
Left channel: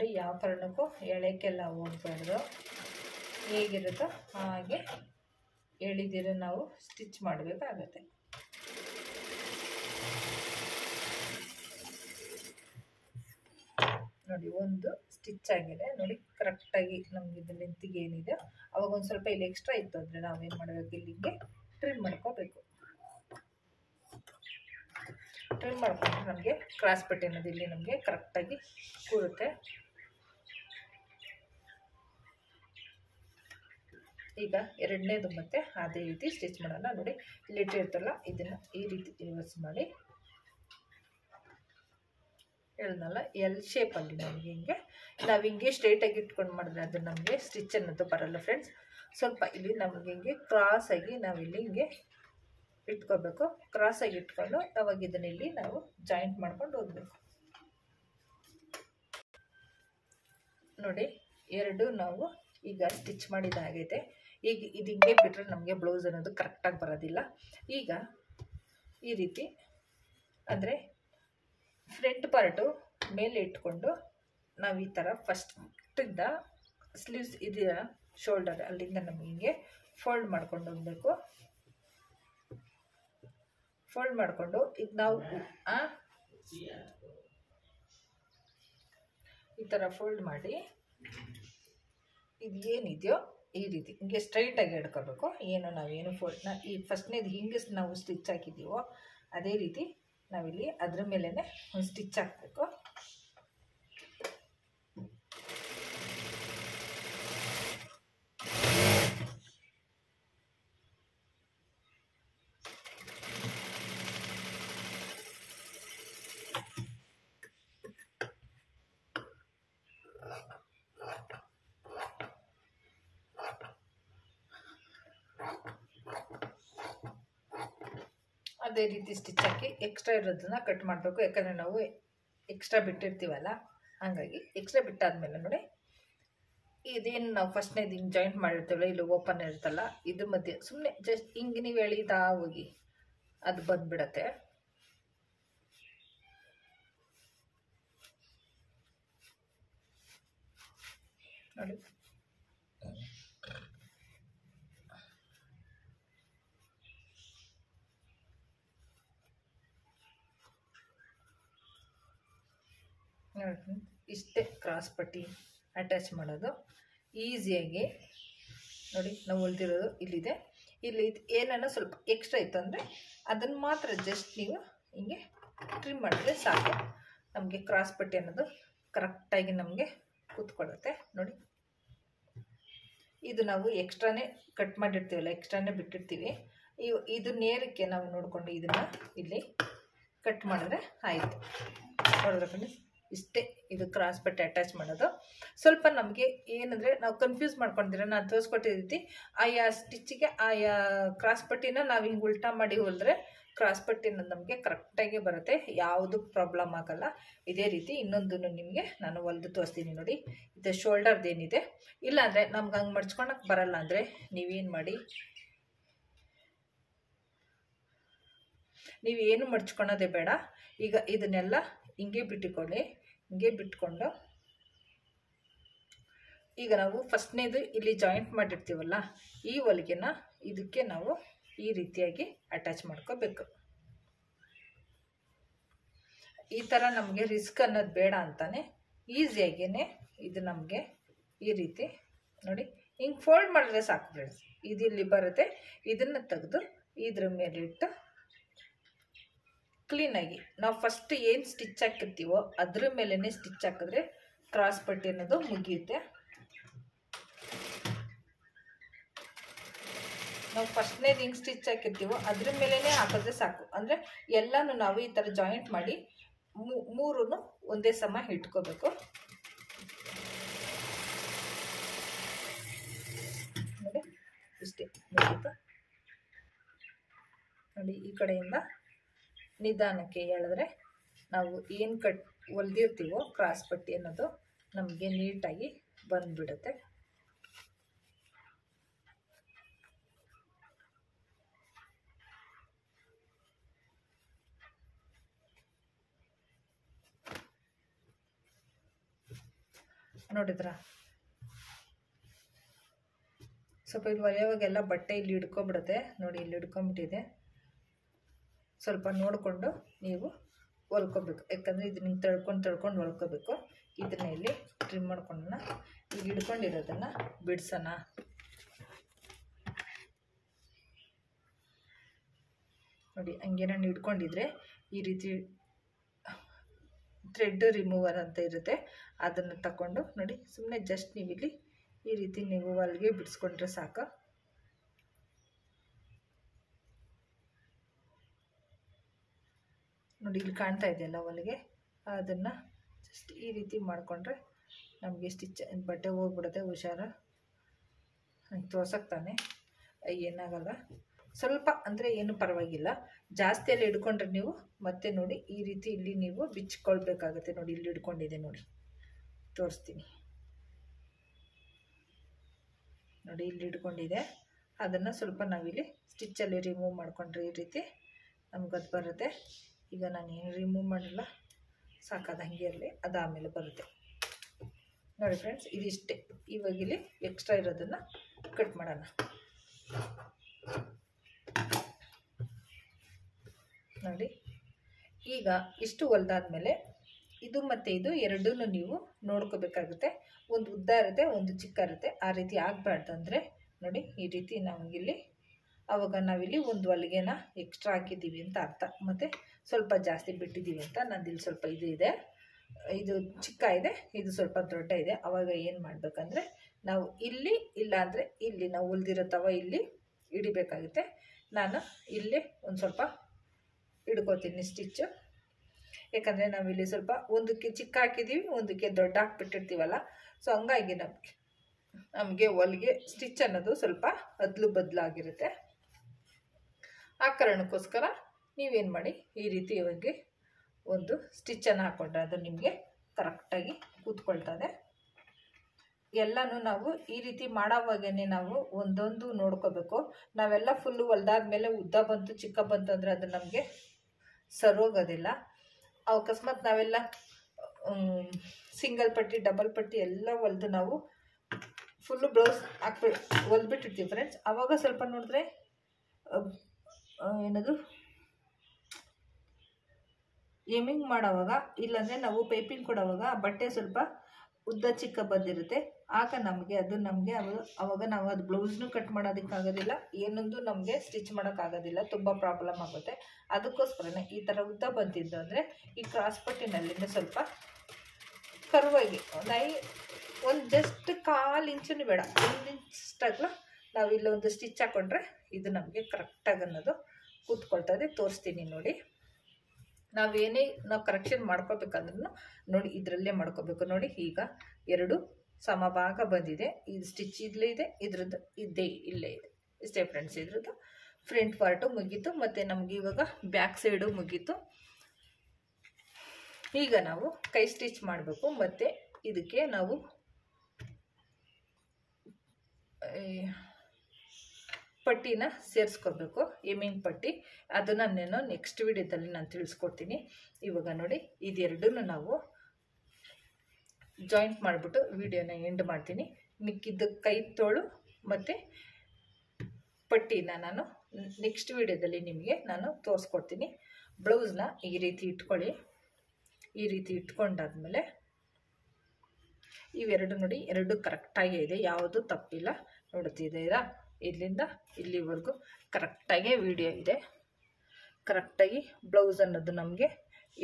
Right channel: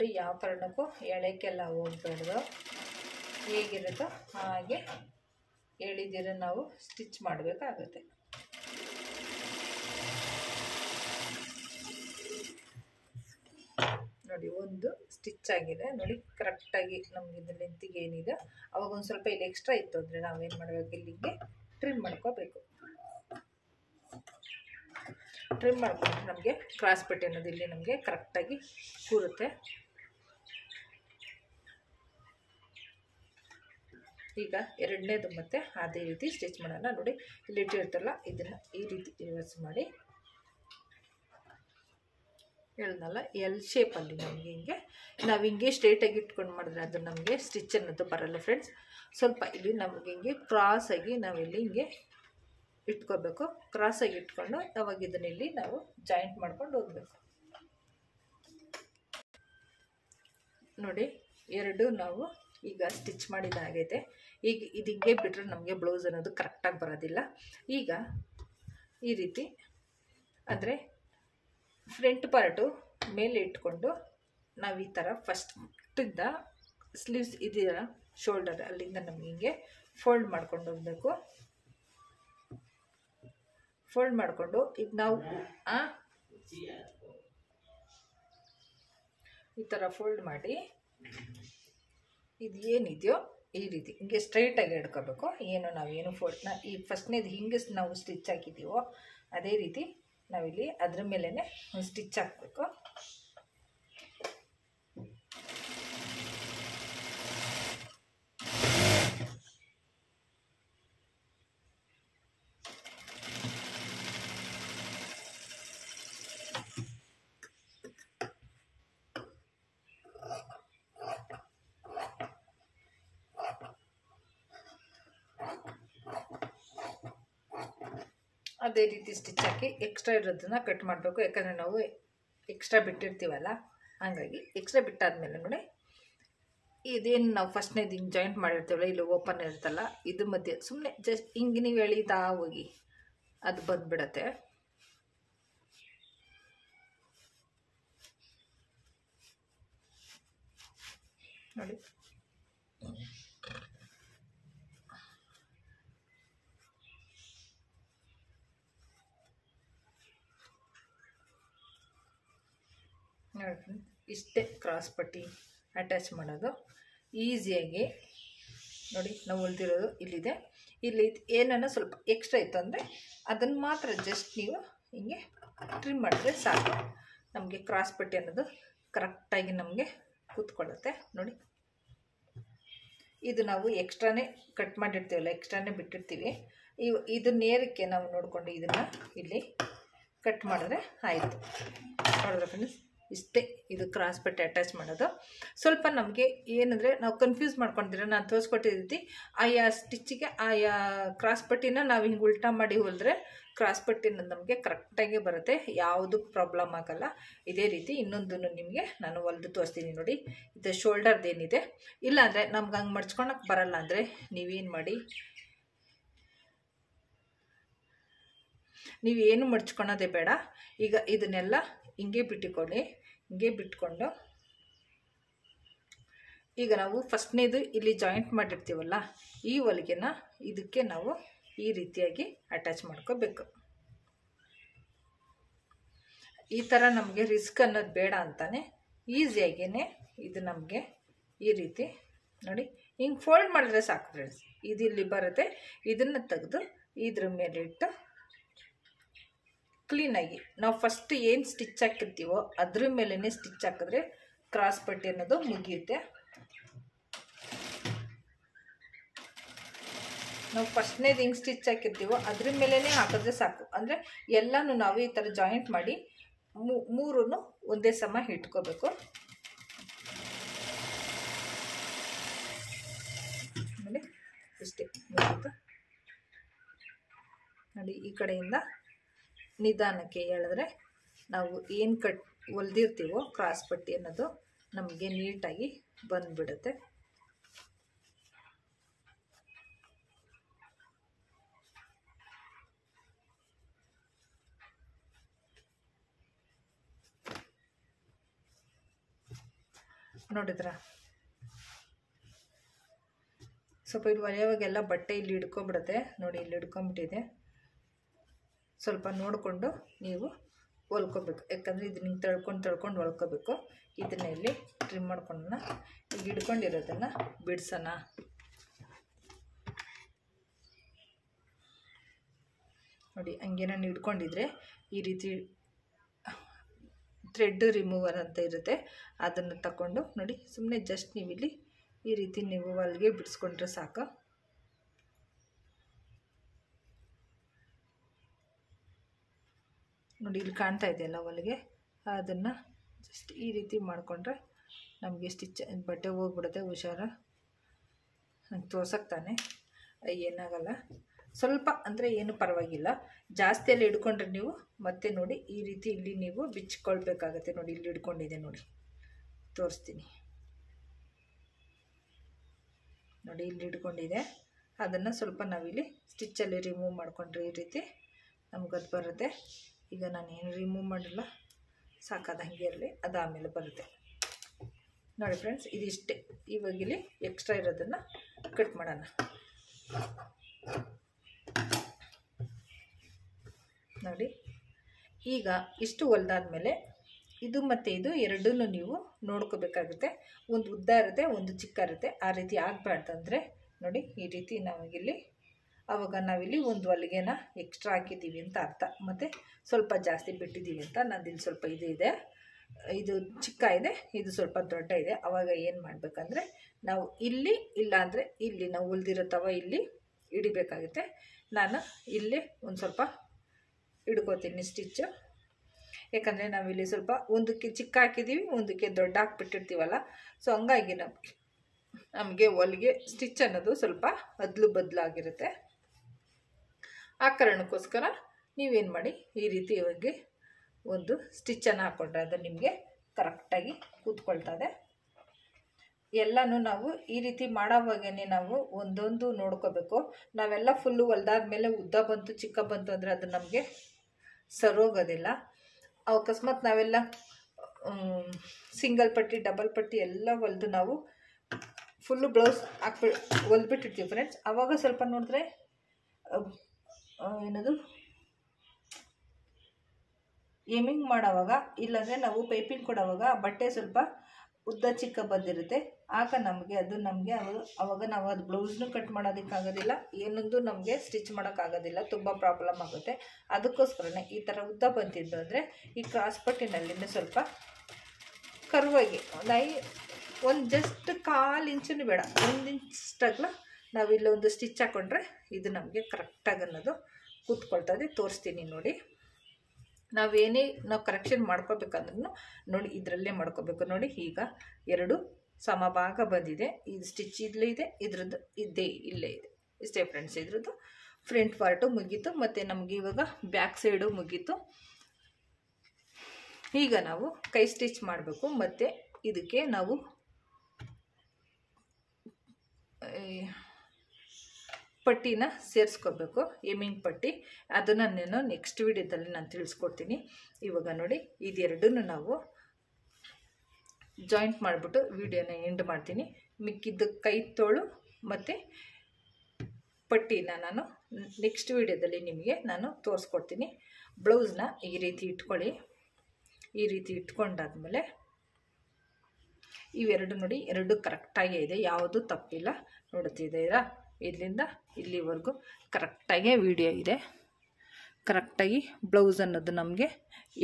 ನೋಡಿ ಯಾವ ಕಾರಣಕ್ಕೂ ಎಳೆಕೆಲ್ಲ ಹೋಗ್ಬಾರ್ದು, ಹೇಗಿರುತ್ತೋ ಹಾಗೆ ಎಳಿದಿರೋ ನಾವು ಸ್ಟಿಚ್ ಮಾಡಬೇಕಾಗುತ್ತೆ. ನೋಡಿ ಒಂದು ಸ್ಟಿಚ್ ಆಗಿದೆ ನೋಡಿ, ಕರೆಕ್ಟಾಗಿ ನಮ್ಗೆ ಇದು ಲೆಂತಿಗೆ ಏನಿದೆ ಅವಾಗ ಒಂದು ಸ್ವಲ್ಪ ಇಲ್ಲಿ ಎಕ್ಸ್ಟ್ರಾ ಇತ್ತು ಅಂದರೆ ನಾವೇನು ಮಾಡಬೇಕು, ಇಲ್ಲಿಗೆ ಟ್ರಿಮ್ ಮಾಡ್ಕೋಬೇಕು. ಟ್ರಿಮ್ ಮಾಡ್ಕೊಂಡ್ರೆ ನಮಗೆ ಕ್ರಾಸ್ ಪಟ್ಟಿ ಅನ್ನೋದು ಇಲ್ಲಿ ನಮಗೆ ಕರೆಕ್ಟಾಗಿ ಕೂರುತ್ತೆ. ಈಗ ಎರಡನೇದು ಮತ್ತೆ ಅದೇ ರೀತಿ ಸ್ಟಿಚ್ ಮಾಡೋಣ. ನೋಡಿ ಇಲ್ಲಿ ಇಟ್ಟಿರ್ತಲ್ಲ, ಇದನ್ನು ಈ ರೀತಿ ರಿವರ್ಸ್ ಮಾಡಿ ಹೇಳಿದ್ನಲ್ಲ ಎಲ್ ಶೇಪಲ್ಲಿ ನಮಗೆ ಹಿಂಗೆ ನಾವು ಹಿಂಗೆ ಸ್ಟ್ರೇಟಾಗಿ ಇಟ್ಕೊಂಡು ಮಾಡಿದ್ರೆ ಅದು ನಮಗೆ ಸ್ಟಿಚ್ ಅನ್ನೋದು ಬರಲ್ಲ ಫ್ರೆಂಡ್ಸ್. ಸ್ವಲ್ಪ ಇಲ್ಲಿ ನಮಗೆ ಹಿಂಗೆ ಕ್ರಾಸಾಗಿ ನಾವಿಲ್ಲಿ ಹಿಂಗೆ ಇಟ್ಕೋಬೇಕು. ಕ್ರಾಸಾಗಿ ಇಟ್ಕೊಂಡು ಅವಾಗ ಇದನ್ನ ಇಲ್ಲಿ ನಾವು ಜಾಯಿಂಟ್ ಮಾಡ್ಕೊಂಡು ಹೋಗ್ಬೇಕು. ನೋಡಿ ಎರಡು ನಾವು ಈಗ ಸ್ಟಿಚ್ ಮಾಡಿದಾಗೈತೆ. ಈಗ ಇದು ಹಿಂಗೆ ಬಿಟ್ಟರೆ ನಮಗೆ ಬ್ಲೌಸ್ ಅನ್ನೋದು ಕರೆಕ್ಟಾಗಿ ಬರೋದಿಲ್ಲ. ಈಗ ಈ ರೀತಿ ಅಂದರೆ ಫ್ರಂಟ್ ಪಾರ್ಟು ಮೇಲೆ ಇಟ್ಕೊಂಡು ನಾವು ಈ ಥರ ಫಸ್ಟಿಂದ ಸ್ಲೀವ್ಸ್ ಇದೆಯಲ್ಲ ಶೋಲ್ಡರ್ ಅಲ್ಲಿಂದ ನಮಗೆ ಹಿಂಗೆ ಫೋಲ್ಡ್ ಮಾಡ್ಕೊಂಡು ಹೋಗಬೇಕು. ಫೋಲ್ಡ್ ಮಾಡಿಕೊಂಡು ಈಗ ನಾವು ಈ ಥರ ಫೋಲ್ಡ್ ಮಾಡಿ ಇದು ಏನಿದೆಯೋ ಈ ರೀತಿ ಹಿಂಗೆ ಸ್ಟ್ರೈಟಾಗಿ ಹಿಡ್ಕೋಬೇಕು. ನಾವೇನು ಫೋಲ್ಡ್ನ ಈ ಫಸ್ಟ್ನೇದು ಹಿಂಗೆ ನಾವು ಸ್ಟಿಚ್ ಹಾಕಿದ್ದೀವೋ ಅದೇ ರೀತಿ ನಾವಿಲ್ಲಿ ಅದ್ರ ಮೇಲೇ ಒಂದು ಸ್ಟಿಚ್ ಹಾಕಬೇಕು. ಅದೇ ರೀತಿ ಸ್ಟಿಚ್ ಹಾಕಿ ಎಕ್ಸ್ಟ್ರಾ ಇರೋದನ್ನ ಕಟ್ ಮಾಡಬೇಕು. ಯಾಕಂದರೆ ನಾವು ಎಕ್ಸ್ಟ್ರಾ ಬಿಟ್ಟಿರ್ತೀವಲ್ಲ, ಹಾಗಾಗಿ ಎಕ್ಸ್ಟ್ರಾ ಬಿಟ್ಟಾದ್ಮೇಲೆ ನೋಡಿ ಇದೇನು ನಾವು ಫಸ್ಟ್ನೇದು ಹಿಂಗೆ ಜಾಯಿಂಟ್ ಮಾಡಿರ್ತೀವಲ್ಲ, ಇಲ್ಲಿ ಓಪನ್ ಇರುತ್ತಲ್ಲ, ಇದು ಮಧ್ಯೆ ಸುಮ್ಮನೆ ಜಸ್ಟ್ ಹಿಂಗೆ ನೀವು ಎಳೀತಾ ಹೋಗಿ ಅದು ಬಂದುಬಿಡತ್ತೆ. ನೋಡಿ ಇಷ್ಟೇ ಕ್ರಾಸ್ ಪಟ್ಟಿ ಅಟ್ಯಾಚ್ ಮಾಡೋದು ಈಸಿಯಾಗಿ. ನೋಡಿ ನಾವು ಹೊಲ್ದಿರೋದು ಇಲ್ಲಿದೆ. ಇಲ್ಲಿ ಏನನ್ನ ಸ್ವಲ್ಪ ಎಕ್ಸ್ಟ್ರಾ ಇತ್ತು ಅಂದರೆ ಅದನ್ನು ಮಾತ್ರ ಜಸ್ಟ್ ನೀವು ಹಿಂಗೆ ಟ್ರಿಮ್ ಮಾಡಿದ್ರೆ ಸಾಕು. ನಮಗೆ ಕ್ರಾಸ್ ಪಟ್ಟಿ ಅನ್ನೋದು ಕರೆಕ್ಟಾಗಿ ನಮಗೆ ಕೂತ್ಕೊಳ್ಳುತ್ತೆ. ನೋಡಿ ಇದು ನಾವು ಎಕ್ಸ್ಟ್ರಾನೇ ಕಟ್ ಮಾಡಿರ್ತೀವಲ್ಲ, ಎಕ್ಸ್ಟ್ರಾನೇ ಬಿಟ್ಟಿರ್ತೀವಿ. ಇದು ನೇರಕ್ಕೆ ನಾವು ನೋಡಿಕೊಂಡು ಇದನ್ನು ಇಲ್ಲಿ ಕಟ್ ಮಾಡಿದ್ರೆ ಆಯಿತು. ನೋಡಿದ್ರೆ ಫ್ರೆಂಡ್ಸ್ ಇಷ್ಟೇ ಇದು ಕ್ರಾಸ್ ಪಟ್ಟಿ ಅಟ್ಯಾಚ್ ಮಾಡೋದು. ಸ್ವಲ್ಪ ನಮಗೆ ಏನಂದರೆ ನಾವು ಕನ್ಫ್ಯೂಸ್ ಮಾಡ್ಕೊಂಡಿದ್ರೆ ನಾನು ತೋರಿಸ್ಕೊಟ್ಟಿದ್ದಿ ಆಯಾ ಸ್ಟಿಚ್ಚಿಗೆ ಆಯಾ ಕ್ರಾಸ್ ಪಟ್ಟಿನ ನಾವು ಹಿಂಗೆ ಉಲ್ಟಾ ಮಾಡಿ ಹೊಲಿದ್ರೆ ಕ್ರಾಸ್ ಪಟ್ಟಿನ ನಮಗೆ ಕರೆಕ್ಟಾಗಿ ಬರುತ್ತೆ, ಯಾವುದು ಪ್ರಾಬ್ಲಮ್ ಆಗಲ್ಲ. ಇದೇ ರೀತಿ ಇನ್ನೊಂದನ್ನು ನಿಮಗೆ ನಾನು ಹೊಲಿದು ತೋರಿಸ್ತೀನಿ. ನೋಡಿ ಇದು ಶೋಲ್ಡರ್ದೇನಿದೆ, ಇಲ್ಲಾಂದರೆ ನಮ್ಗೆ ಹಂಗೆ ಮಡ್ಚ್ಕೊಳಕ್ಕೆ ಬರಲ್ಲ ಅಂದರೆ ನೀವೇನು ಮಾಡಿ, ನೀವೇನು ಮಡ್ಚ್ಕೊಳೋದೇ ಬೇಡ. ಈಗ ಇದನ್ನೆಲ್ಲ ಹಿಂಗೆ ಬಿಟ್ಟುಕೊಳ್ಳಿ. ಹಿಂಗೆ ಬಿಟ್ಕೊಂಡು ಈಗ ನಾವು ಫಸ್ಟ್ನೇದು ಇಲ್ಲಿ ಜಾಯಿಂಟ್ ಮಾಡಿರ್ತೀವಲ್ಲ, ಈ ಹೊಲಿಗೆನ ಇದಕ್ಕೆ ನಾವು ಈ ರೀತಿಯಾಗಿ ಅಟ್ಯಾಚ್ ಮಾಡ್ಕೋಬೇಕು. ಈ ಥರ ನಮಗೆ ರಿಸ್ಕ್ ಅನ್ನೋದು ಬೇಡ ಅಂತಾನೆ ಈಸಿಯಾಗೇ ಇದು ನಮಗೆ ಈ ರೀತಿ ನೋಡಿ ಹಿಂಗೆ ಫೋಲ್ಡ್ ಮಾಡಿದ್ರೆ ಸಾಕು ಫ್ರೆಂಡ್ಸ್. ಇದು ಇಲ್ಲಿ ಬರುತ್ತೆ, ಇದನ್ನು ತೆಗೆದು ಇದ್ರ ಮೇಲೆ ಇಟ್ಟು ಕ್ಲೀನಾಗಿ ನಾವು ಫಸ್ಟ್ ಏನು ಸ್ಟಿಚ್ ಹಾಕಿರ್ತೀವೋ ಅದ್ರ ಮೇಲೇ ಸ್ಟಿಚ್ ಹಾಕಿದ್ರೆ ಕ್ರಾಸ್ ಪಟ್ಟಿ ಅನ್ನೋದು ಮುಗಿಯುತ್ತೆ. ನಾವು ಫಸ್ಟ್ನೇದು ಹಿಂಗೆ ಸ್ಟಿಚ್ ಹಾಕಿರ್ತೀವೋ ಅದ್ರ ಮೇಲೇ ಹಾಕಿದ್ರೆ ಸಾಕು. ಅಂದರೆ ಎಲ್ಲನೂ ನಾವು ಈ ಥರ ಜಾಯಿಂಟ್ ಮಾಡಿ ಮೂರೂ ಒಂದೇ ಸಮ ಇಟ್ಕೋಬೇಕು. ನೋಡಿ ಇಷ್ಟೇ ಮುಗೀತು. ನೋಡಿ ಈ ಕಡೆಯಿಂದ ನಿಧಾನಕ್ಕೆ ಹೇಳಿದ್ರೆ ನಾವು ಏನು ಹೊಲ್ದಿರ್ತೀವೋ ಕ್ರಾಸ್ ಪಟ್ಟಿ ಅನ್ನೋದು ನಮಗೆ ನೀಟಾಗಿ ಬಂದುಬಿಡುತ್ತೆ. ನೋಡಿದ್ರಾ? ಸ್ವಲ್ಪ ಇಲ್ಲಿ ಹೊರೆಯುವಾಗೆಲ್ಲ ಬಟ್ಟೆ ಇಲ್ಲಿ ಹಿಡ್ಕೊಂಬಿಡುತ್ತೆ ನೋಡಿ, ಇಲ್ಲಿ ಹಿಡ್ಕೊಂಬಿಟ್ಟಿದೆ. ಸ್ವಲ್ಪ ನೋಡಿಕೊಂಡು ನೀವು ಹೊಲ್ಕೋಬೇಕು, ಯಾಕಂದರೆ ಇದನ್ನ ತಳ್ಕೊಂಡು ಹೊಲ್ಕೋಬೇಕು. ಇದನ್ನ ಇಲ್ಲಿ ಟ್ರಿಮ್ ಮಾಡ್ಕೊಳ್ಳೋಣ. ಈಗ ಹಿಡ್ಕೊಂಡಿರೋದನ್ನು ಬಿಡಿಸೋಣ. ನೋಡಿ, ಹಂಗೆ ನಾನು ಹಿಡ್ಕೊಂಡಿದ್ರೆ ಈ ರೀತಿ ಥ್ರೆಡ್ ರಿಮೂವರ್ ಅಂತ ಇರುತ್ತೆ, ಅದನ್ನು ತಗೊಂಡು ನೋಡಿ ಸುಮ್ಮನೆ ಜಸ್ಟ್ ನೀವಿಲ್ಲಿ ಈ ರೀತಿ ನೀವು ಹೊಲಿಗೆ ಬಿಡಿಸ್ಕೊಂಡ್ರೆ ಸಾಕು. ನೋಡಿ ಇಲ್ಲಿ ಕಾಣ್ತಾ ಇದೆಯಲ್ಲ ಹೊಲಿಗೆ, ಅದನ್ನು ಜಸ್ಟ್ ಈ ರೀತಿ ಮಾಡಿಕೊಂಡ್ರೆ ನಮಗೆ ಸ್ಟಿಚ್ ಬಟ್ಟೆ ಹೋಗ್ಬಿಡುತ್ತೆ. ಹುಷಾರ, ತೋರ್ಸಕ್ಕೆ ತಾನೆ ಏನಾಗಲ್ಲ. ಸ್ವಲ್ಪ ಅಂದರೆ ಏನು ಪರವಾಗಿಲ್ಲ, ಜಾಸ್ತಿಯಲ್ಲಿ ಹಿಡ್ಕೊಂಡ್ರೆ ನೀವು ಮತ್ತೆ ನೋಡಿ ಈ ರೀತಿ ಇಲ್ಲಿ ನೀವು ಬಿಚ್ಕೊಳ್ಬೇಕಾಗತ್ತೆ. ನೋಡಿ ಇಲ್ಲಿ ಹಿಡ್ಕೊಂಡಿದೆ ನೋಡಿ, ತೋರಿಸ್ತೀನಿ ನೋಡಿ, ಇಲ್ಲಿ ಹಿಡ್ಕೊಂಡಿದೆ. ಅದನ್ನು ಸ್ವಲ್ಪ ನಾವಿಲ್ಲಿ ಸ್ಟಿಚ್ಚಲ್ಲಿ ರಿಮೂವ್ ಮಾಡಿಕೊಂಡ್ರೆ ಈ ರೀತಿ ನಮಗದು ಬರುತ್ತೆ. ಈಗ ನಾನು ಏನು ರಿಮೂವ್ ಮಾಡಲ್ಲ, ಸಾಕಾದ ಹಾಗೆ ಇರಲಿ, ಅದು ಆಮೇಲೆ ಬರುತ್ತೆ. ನೋಡಿ ಫ್ರೆಂಡ್ಸ್, ಇದಿಷ್ಟೇ. ಇವಾಗ ಇಲ್ಲಿ ಎಕ್ಸ್ಟ್ರಾ ಇರೋದನ್ನು ಕಟ್ ಮಾಡೋಣ. ನೋಡಿ, ಈಗ ಇಷ್ಟು ಹೊಲ್ದಾದ್ಮೇಲೆ ಇದು ಮತ್ತು ಇದು ಎರಡೂ ನೀವು ನೋಡ್ಕೋಬೇಕಾಗುತ್ತೆ. ಒಂದು ಉದ್ದ ಇರುತ್ತೆ, ಒಂದು ಚಿಕ್ಕ ಇರುತ್ತೆ. ಆ ರೀತಿ ಆಗಬಾರ್ದು ಅಂದರೆ ನೋಡಿ ಈ ರೀತಿ ನಮಗಿಲ್ಲಿ ಆವಾಗ ನಾವಿಲ್ಲಿ ಒಂದು ಹೊಲಿಗೆನ ಎಕ್ಸ್ಟ್ರಾ ಹಾಕಿದ್ದೀವಿ ಅಂತ ಅರ್ಥ, ಮತ್ತು ಸ್ವಲ್ಪ ಜಾಸ್ತಿ ಬಿಟ್ಟಿದ್ದೀವಿ ಅಂತ. ನಂದಿಲ್ಲಿ ಸ್ವಲ್ಪ ಇದು ಇದೆ, ಇದು ಚಿಕ್ಕ ಇದೆ, ಇದು ಸ್ವಲ್ಪ ದೊಡ್ಡ ಇದೆ. ಆವಾಗ ಏನು ಮಾಡಬೇಕಂದ್ರೆ ನಾವು ಇಲ್ಲಿ ಇಲ್ಲಾಂದರೆ ಇಲ್ಲಿ ನಾವು ಹೊಲ್ದಿರೋ ತವ ಇಲ್ಲಿ ಹಿಡಿಬೇಕಾಗುತ್ತೆ. ನಾನು ಇಲ್ಲಿ ಒಂದು ಸ್ವಲ್ಪ ಹಿಡ್ಕೋತೀನಿ ಸ್ಟಿಚ್ಚು, ಯಾಕಂದರೆ ನಾವಿಲ್ಲಿ ಸ್ವಲ್ಪ ಒಂದಕ್ಕೆ ಚಿಕ್ಕ ಹಾಕಿದ್ದೀವಿ, ಒಂದಕ್ಕೆ ದೊಡ್ಡ ಹಾಕ್ಬಿಟ್ಟಿರ್ತೀವಲ್ಲ. ಸೊ ಹಂಗಾಗಿ ನಮಗೆ ಹೊಲಿಗೆ ಸ್ಟಿಚ್ ಅನ್ನೋದು ಸ್ವಲ್ಪ ಅದ್ಲು ಬದಲಾಗಿರುತ್ತೆ. ಆ ಕಾರಣಕ್ಕೋಸ್ಕರ ನೀವೇನು ಮಾಡಿ ಈ ರೀತಿ ಇವಾಗ ಒಂದು ಸ್ಟಿಚ್ಚನ್ನು ಹಾಕ್ಕೊಂಡ್ರೆ ಅದು ನಿಮಗೆ ಕರೆಕ್ಟಾಗಿ ಕೂತ್ಕೊಳ್ತದೆ. ಎಲ್ಲನೂ ನಾವು ಈ ರೀತಿ ಮಾಡೋವಾಗೇ ನಾವು ಒಂದೊಂದು ನೋಡ್ಕೋಬೇಕು. ನಾವೆಲ್ಲ ಫುಲ್ಲು ಹೊಲ್ದಾದ್ಮೇಲೆ ಉದ್ದ ಬಂತು ಚಿಕ್ಕ ಬಂತು ಅಂದರೆ ಅದು ನಮಗೆ ಸರೋಗೋದಿಲ್ಲ. ಅಕಸ್ಮಾತ್ ನಾವೆಲ್ಲ ಸಿಂಗಲ್ ಪಟ್ಟಿ ಡಬಲ್ ಪಟ್ಟಿ ಎಲ್ಲ ಹೊಲಿದು ನಾವು ಫುಲ್ಲು ಬ್ಲೌಸ್ ಹೊಲ್ಬಿಟ್ಟಿರ್ತೀವಿ ಫ್ರೆಂಡ್ಸ್. ಆವಾಗ ಸ್ವಲ್ಪ ನೋಡಿದ್ರೆ ಏನದು ಏಮಿಂಗ್ ಮಾಡೋವಾಗ, ಇಲ್ಲಾಂದರೆ ನಾವು ಪೈಪಿಂಗ್ ಕೊಡೋವಾಗ ಬಟ್ಟೆ ಸ್ವಲ್ಪ ಉದ್ದ ಚಿಕ್ಕ ಬಂದಿರುತ್ತೆ. ಆಗ ನಮಗೆ ಅವಾಗ ನಾವು ಅದು ಬ್ಲೌಸ್ನು ಕಟ್ ಮಾಡೋದಕ್ಕಾಗೋದಿಲ್ಲ, ಏನೊಂದು ನಮಗೆ ಸ್ಟಿಚ್ ಮಾಡೋಕ್ಕಾಗೋದಿಲ್ಲ, ತುಂಬ ಪ್ರಾಬ್ಲಮ್ ಆಗುತ್ತೆ. ಅದಕ್ಕೋಸ್ಕರನೇ ಈ ಥರ ಉದ್ದ ಬಂತಿದ್ದು ಅಂದರೆ ಈ ಕ್ರಾಸ್ ಪಟ್ಟಿನಲ್ಲಿಂದ ಸ್ವಲ್ಪ ಕರ್ವಾಗಿ ಒಂದು ಜಸ್ಟ್ 1/4 ಇಂಚೂ ಬೇಡ, 1 ಇಂಚಷ್ಟಾಗಲೂ ನಾವಿಲ್ಲಿ ಒಂದು ಸ್ಟಿಚ್ ಹಾಕ್ಕೊಂಡ್ರೆ ಇದು ನಮಗೆ ಕರೆಕ್ಟಾಗಿ ಅನ್ನೋದು ಕೂತ್ಕೊಳ್ತದೆ. ತೋರಿಸ್ತೀನಿ ನೋಡಿ. ನಾವು ಕರೆಕ್ಷನ್ ಮಾಡ್ಕೋಬೇಕಂದ್ರೂ ನೋಡಿ ಇದರಲ್ಲೇ ಮಾಡ್ಕೋಬೇಕು. ನೋಡಿ ಈಗ 2 ಸಮಭಾಗ ಬಂದಿದೆ. ಇದು ಸ್ಟಿಚ್ ಇಲ್ಲೇ ಇದೆ, ಇದ್ರದ್ದು ಇಲ್ಲೇ ಇದೆ. ಇಷ್ಟೇ ಫ್ರೆಂಡ್ಸ್, ಇದ್ರದ್ದು ಫ್ರಂಟ್ ಪಾರ್ಟು ಮುಗೀತು, ಮತ್ತು ನಮಗೆ ಇವಾಗ ಬ್ಯಾಕ್ ಸೈಡು ಮುಗೀತು. ಈಗ ನಾವು ಕೈ ಸ್ಟಿಚ್ ಮಾಡಬೇಕು. ಮತ್ತು ಇದಕ್ಕೆ ನಾವು ಪಟ್ಟಿನ ಸೇರಿಸ್ಕೋಬೇಕು, ಏಮಿಂಗ್ ಪಟ್ಟಿ. ಅದನ್ನು ನಾನು ನೆಕ್ಸ್ಟ್ ವಿಡಿಯೋದಲ್ಲಿ ನಾನು ತಿಳಿಸ್ಕೊಡ್ತೀನಿ. ಇವಾಗ ನೋಡಿ ಇದೆರಡನ್ನೂ ನಾವು ಜಾಯಿಂಟ್ ಮಾಡಿಬಿಟ್ಟು ವಿಡಿಯೋನ ಎಂಡ್ ಮಾಡ್ತೀನಿ. ಮಿಕ್ಕಿದ್ದು ಕೈ ತೋಳು ಮತ್ತು ಪಟ್ಟಿನ ನಾನು ನೆಕ್ಸ್ಟ್ ವಿಡಿಯೋದಲ್ಲಿ ನಿಮಗೆ ನಾನು ತೋರಿಸ್ಕೊಡ್ತೀನಿ. ಬ್ಲೌಸ್ನ ಈ ರೀತಿ ಇಟ್ಕೊಳ್ಳಿ. ಈ ರೀತಿ ಇಟ್ಕೊಂಡಾದ್ಮೇಲೆ ಇವೆರಡು ನೋಡಿ, ಎರಡು ಕರೆಕ್ಟಾಗೇ ಇದೆ, ಯಾವುದೂ ತಪ್ಪಿಲ್ಲ. ನೋಡ್ತಿದ್ದೀರಾ, ಇಲ್ಲಿಂದ ಇಲ್ಲಿವರೆಗೂ ಕರೆಕ್ಟಾಗೇ ವಿಡಿಯೋ ಇದೆ. ಕರೆಕ್ಟಾಗಿ ಬ್ಲೌಸ್ ಅನ್ನೋದು ನಮಗೆ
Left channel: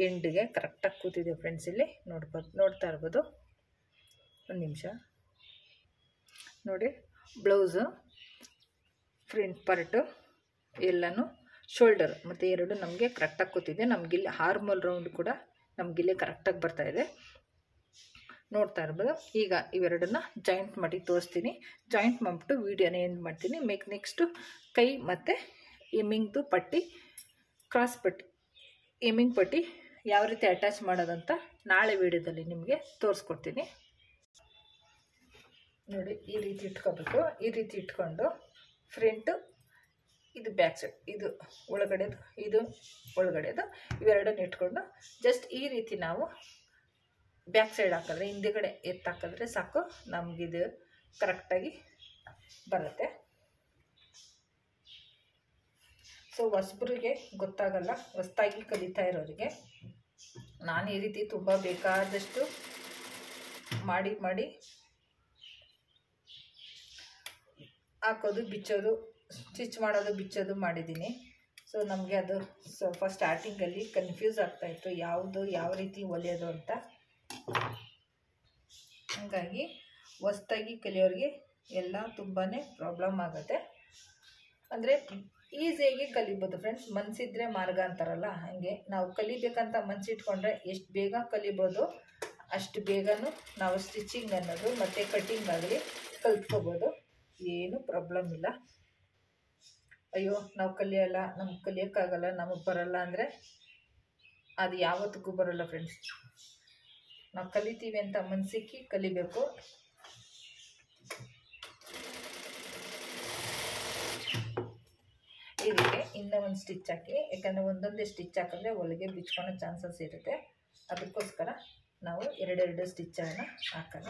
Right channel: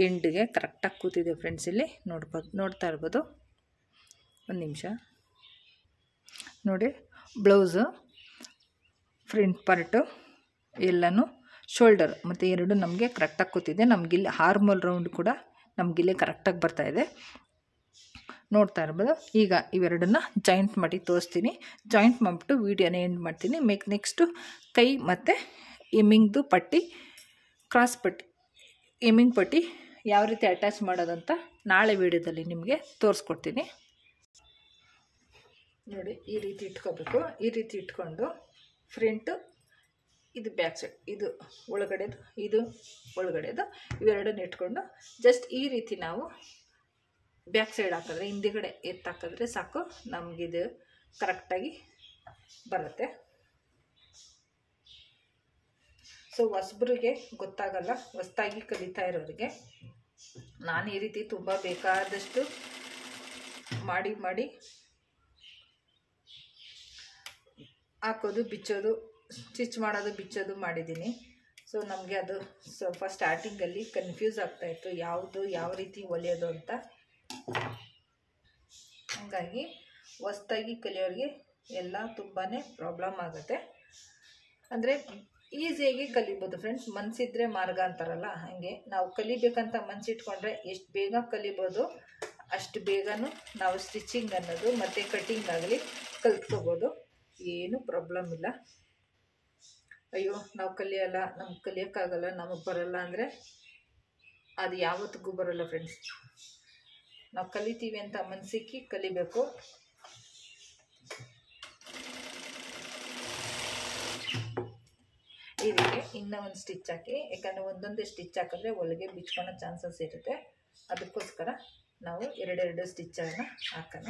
ಎಂಡ್ಗೆ ಕರೆಕ್ಟಾಗಿ ಕೂತಿದೆ ಫ್ರೆಂಡ್ಸ್. ಇಲ್ಲಿ ನೋಡ್ತಾ ಇರ್ಬೋದು. ಒಂದು ನಿಮಿಷ ನೋಡಿ, ಬ್ಲೌಸು ಫ್ರಂಟ್ ಪಾರ್ಟು ಎಲ್ಲನೂ ಶೋಲ್ಡರ್ ಮತ್ತು ಎರಡು ನಮಗೆ ಕರೆಕ್ಟಾಗಿ ಕೂತಿದೆ. ನಮಗಿಲ್ಲಿ ಆರ್ಮೋಲ್ ರೌಂಡ್ ಕೂಡ ನಮಗಿಲ್ಲಿ ಕರೆಕ್ಟಾಗಿ ಬರ್ತಾಯಿದೆ, ನೋಡ್ತಾ ಇರ್ಬೋದು. ಈಗ ಇವೆರಡನ್ನ ಜಾಯಿಂಟ್ ಮಾಡಿ ತೋರಿಸ್ತೀನಿ. ಜಾಯಿಂಟ್ ಮಾಡಿಬಿಟ್ಟು ವೀಡಿಯೋನ ಎಂಡ್ ಮಾಡ್ತೀನಿ. ನೆಕ್ಸ್ಟು ಕೈ ಮತ್ತು ಎಮ್ಮಿಂಗ್ದು ಪಟ್ಟಿ, ಕ್ರಾಸ್ ಪಟ್ಟಿ, ಎಮ್ಮಿಂಗ್ ಪಟ್ಟಿ ಯಾವ ರೀತಿ ಅಟ್ಯಾಚ್ ಮಾಡೋದಂತ ನಾಳೆ ವೀಡಿಯೋದಲ್ಲಿ ನಿಮಗೆ ತೋರಿಸ್ಕೊಡ್ತೀನಿ. ನೋಡಿ, ಈ ರೀತಿ ಇಟ್ಕೋಬೇಕು. ಈ ರೀತಿ ಇಟ್ಕೊಂಡು ಫ್ರಂಟು, ಇದು ಬ್ಯಾಕ್ ಸೈಡ್, ಇದು ಒಳಗಡೆದು, ಇದು ಒಳಗಡೆದು, ಇವೆರಡನ್ನು ಇಟ್ಕೊಂಡು ಜಸ್ಟ್ ಈ ರೀತಿ ನಾವು ಬ್ಯಾಕ್ ಸೈಡ್ ಹಾಕಿದ್ರೆ, ಹಿಂದೆಗಡೆ ಹಾಕಿದ್ರೆ ಸಾಕು, ನಮಗಿದು ಕರೆಕ್ಟಾಗಿ ಬರುತ್ತೆ. ಸೊ ಹೊಸಬ್ರಿಗೆ ಗೊತ್ತಾಗಲ್ಲ, ಹೊಸದಾಗಿ ಕಲಿತಾ ಇರೋರಿಗೆ ನಾನು ಈ ರೀತಿ ತುಂಬ ಬೇಕಾದಷ್ಟು ಮಾಡಿ ಹಾಕೋದು, ಬಿಚ್ಚೋದು, ಸ್ಟಿಚ್ ಮಾಡೋದು, ಬಿಚ್ಚೋದು ಮಾಡಿದ್ದೀನಿ. ಸೊ ನಮಗೆ ಅದು ಸ್ವಲ್ಪ ಸ್ಟಾರ್ಟಿಂಗಲ್ಲಿ ಕನ್ಫ್ಯೂಸ್ ಆಗ್ತಾಯಿತ್ತು, ಯಾವ ರೀತಿ ಹೊಲಿಯೋದು ಅಂತ. ಹಾಗಾಗಿ ಹೊಸ್ದಾಗಿ ಕಲಿಯೋರಿಗೆ ಎಲ್ಲ ತುಂಬಾ ಪ್ರಾಬ್ಲಮ್ ಆಗುತ್ತೆ. ಅಂದರೆ ಈಸಿಯಾಗಿ ಕಲಿಬೋದು ಫ್ರೆಂಡ್ಸ್, ಮನಸ್ಸಿದ್ರೆ ಮಾರ್ಗ ಅಂತಾರಲ್ಲ, ಹಾಗೆ ನಾವು ಕಲಿಬೇಕಂತ ಮನಸ್ಸಿಟ್ಕೊಂಡ್ರೆ ಎಷ್ಟು ಬೇಗ ಕಲಿಬೋದು, ಅಷ್ಟು ಬೇಗನೂ ನಾವು ಸ್ಟಿಚಿಂಗ್ ಅನ್ನೋದು ಮತ್ತು ಕಟ್ಟಿಂಗ್ ಆಗಲಿ ಕಲ್ತ್ಕೋಬೋದು. ಏನೂ ಪ್ರಾಬ್ಲಮ್ ಇಲ್ಲ. ಅಯ್ಯೋ ನಾವು ಕಲಿಯೋಲ್ಲ, ನಮ್ಗೆ ಕಲಿಯೋಕ್ಕಾಗಲ್ಲ, ನಮಗೆ ಬರಲ್ಲ ಅಂದರೆ ಅದು ಯಾವತ್ತಿಗೂ ಬರೋಲ್ಲ ಫ್ರೆಂಡ್ಸ್. ನಾವು ಕಲಿತೀವಿ ಅಂತ ಮನಸ್ಸಿಕ್ಕಿ ಕಲಿಬೇಕು. ಈ ರೀತಿ ಇನ್ನೂ ಒಂದು ಸ್ಟಿಚ್ ಹಾಕಿ, ಯಾಕಂದರೆ ಒಂದೊಂದೇ ಸ್ಟಿಚ್ ಹಾಕಿದ್ರೆ ಹೊಲಿಗೆ ಬಿಚ್ಕೊಳ್ಳೋ ಚಾನ್ಸಸ್ ಇರುತ್ತೆ. ಅದಕ್ಕೋಸ್ಕರ ನಾವು ಎರಡೆರಡು ಸ್ಟಿಚ್ಚನ್ನು ಹಾಕೋಣ.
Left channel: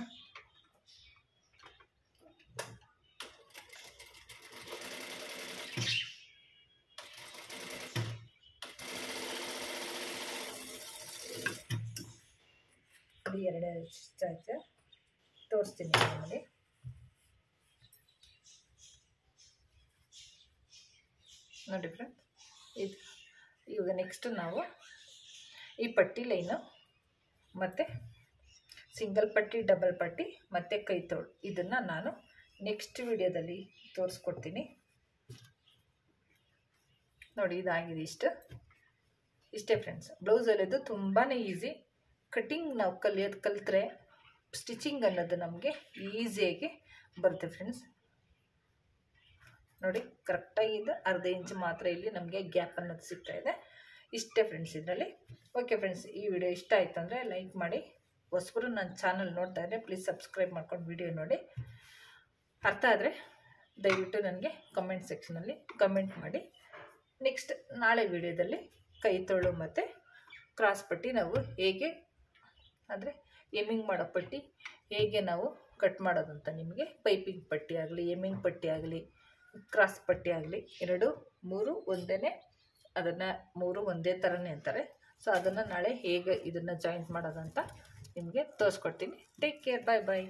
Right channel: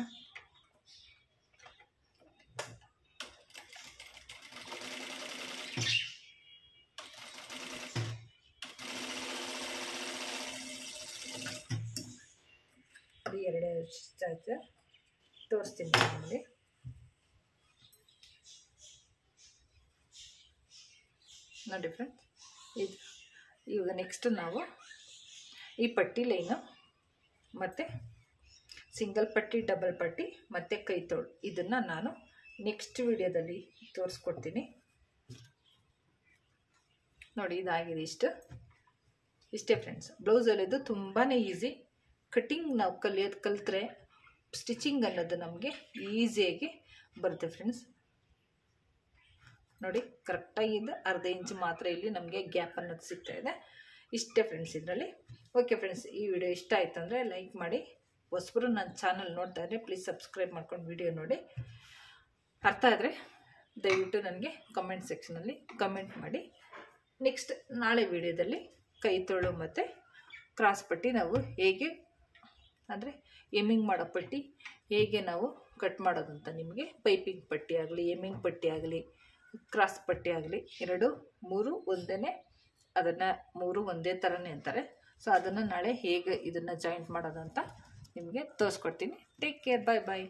ಅದು ಎರಡೆರಡು ಸ್ಟಿಚ್ ತೋರಿಸ್ತೀನಿ ನೋಡಿ. ನೋಡಿ ಫ್ರೆಂಡ್ಸ್, ಇದು ಇವಾಗ ನೆಕ್ಸ್ಟು ನಾವು ಈ ಪಟ್ಟಿ ಲೈನು ಮತ್ತು ಸಿಂಗಲ್ ಪಟ್ಟಿ, ಡಬಲ್ ಪಟ್ಟಿ ಮತ್ತು ಕೈ ತೋಳು, ಇದನ್ನು ನಾನು ನೆಕ್ಸ್ಟ್ ವಿಡಿಯೋದಲ್ಲಿ ತೋರಿಸ್ಕೊಡ್ತೀನಿ. ನೋಡಿ ಇದಾಗಿದೆ, ಇಷ್ಟೇ ಫ್ರೆಂಡ್ಸ್. ಬ್ಲೌಸ್ ಹೊಲಿಯೋದು ತುಂಬಾ ಈಸಿ. ಕಟ್ಟಿಂಗ್ ನಾವು ಕಲಿತ್ರೆ ಸ್ಟಿಚಿಂಗ್ ಅನ್ನೋದು ನಮಗೆ ಈಸಿಯಾಗಿ ಬರುತ್ತೆ ಫ್ರೆಂಡ್ಸ್. ನೋಡಿ ಕರೆಕ್ಟಾಗಿದ್ದು ಅರ್ಧ ಇಂಚ್ ಮಾತ್ರ ಇಲ್ಲಿ ನಮಗೆ ಗ್ಯಾಪ್ ಅನ್ನೋದು ಸಿಗ್ತಾಯಿದೆ. ಇಷ್ಟೇ ಫ್ರೆಂಡ್ಸ್ ಇದರಲ್ಲಿ. ಓಕೆ ಫ್ರೆಂಡ್ಸ್, ಈ ವಿಡಿಯೋ ಇಷ್ಟ ಆಯಿತು ಅಂದರೆ ಲೈಕ್ ಮಾಡಿ. ಹೊಸಬರು ನನ್ನ ಚಾನಲ್ ನೋಡ್ತಾ ಇದ್ದರೆ ಪ್ಲೀಸ್ ಸಬ್ಸ್ಕ್ರೈಬ್ ಮಾಡ್ಕೊಂಡು ವಿಡಿಯೋ ನೋಡಿ. ಅರ್ಥ ಆದರೆ ದಯವಿಟ್ಟು ನನಗೆ ಕಮೆಂಟ್ ಸೆಕ್ಷನಲ್ಲಿ ಕಮೆಂಟ್ ಮಾಡಿ. ನೆಕ್ಸ್ಟ್ ನಾಳೆ ವಿಡಿಯೋದಲ್ಲಿ ಕೈ ತೋಳು ಮತ್ತು ಕ್ರಾಸ್ ಪಟ್ಟಿ ನಾವು ಹೇಗೆ, ಅಂದರೆ ಎಮ್ಮಿಂಗ್ ಮಾಡೋ ಪಟ್ಟಿ ಹೇಗೆ ನಾವು ಕಟ್ ಮಾಡೋದಂತ ನಿಮಗೆ, ಪೈಪಿಂಗ್ ಪಟ್ಟಿ ಆಗಲಿ, ಎಮ್ಮಿಂಗ್ ಪಟ್ಟಿ ಆಗಲಿ, ಕ್ರಾಸ್ ಪಟ್ಟಿ ಆಗಲಿ, 2, 3 ಒಂದೇ, ಅದನ್ನು 3 ಒಂದೇ ಥರನೇ ಅಂತಾರೆ. ಸೊ ಅದನ್ನು ನಾಳೆ ಹೇಗೆ ಇದನ್ನು ಜಾಯಿಂಟ್ ಮಾಡೋದಂತ ನಿಮಗೆ ತೋರಿಸ್ಕೊಡ್ತೀನಿ. ಟೇಕ್ ಕೇರ್, ಬಾಯ್ ಬಾಯ್.